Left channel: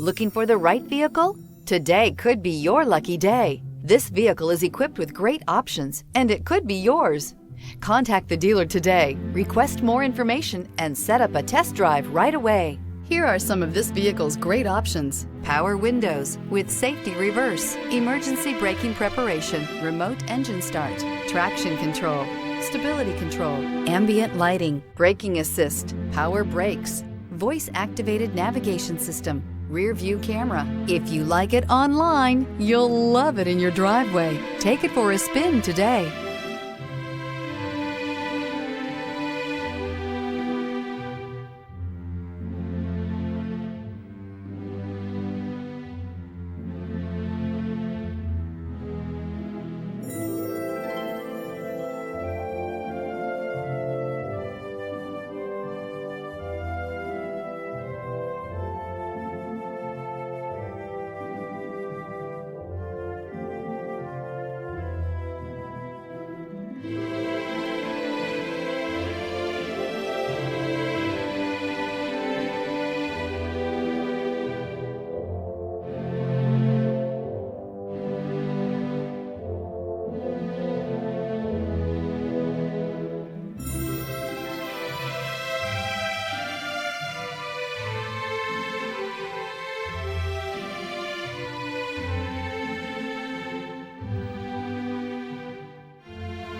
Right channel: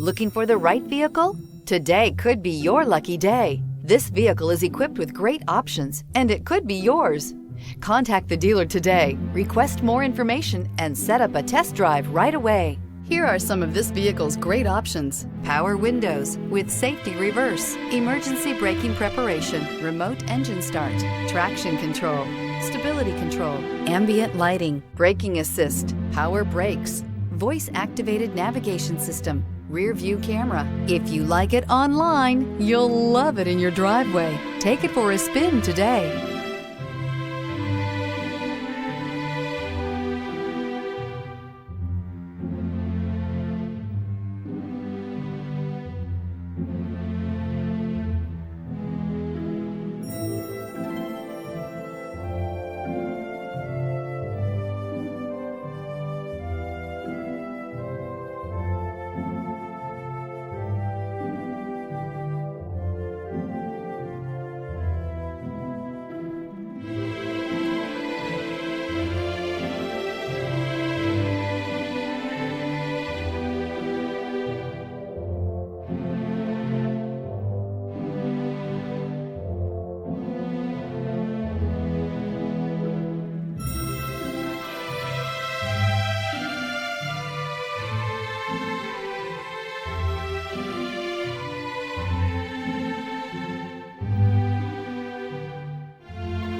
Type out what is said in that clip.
Looking for the right vehicle? Today could be your lucky day. This vehicle is equipped with great options, and it could be yours. Contact the dealer today, request more information, and set up a test drive right away. Here are some of this vehicle's great options: power windows with safety reverse, emergency braking preparation, remote engine start, traction control, stability control, ambient lighting, braking assist, power brakes, voice-activated navigation system, rear view camera. If you like it online, you'll love it in your driveway. Take it for a spin today.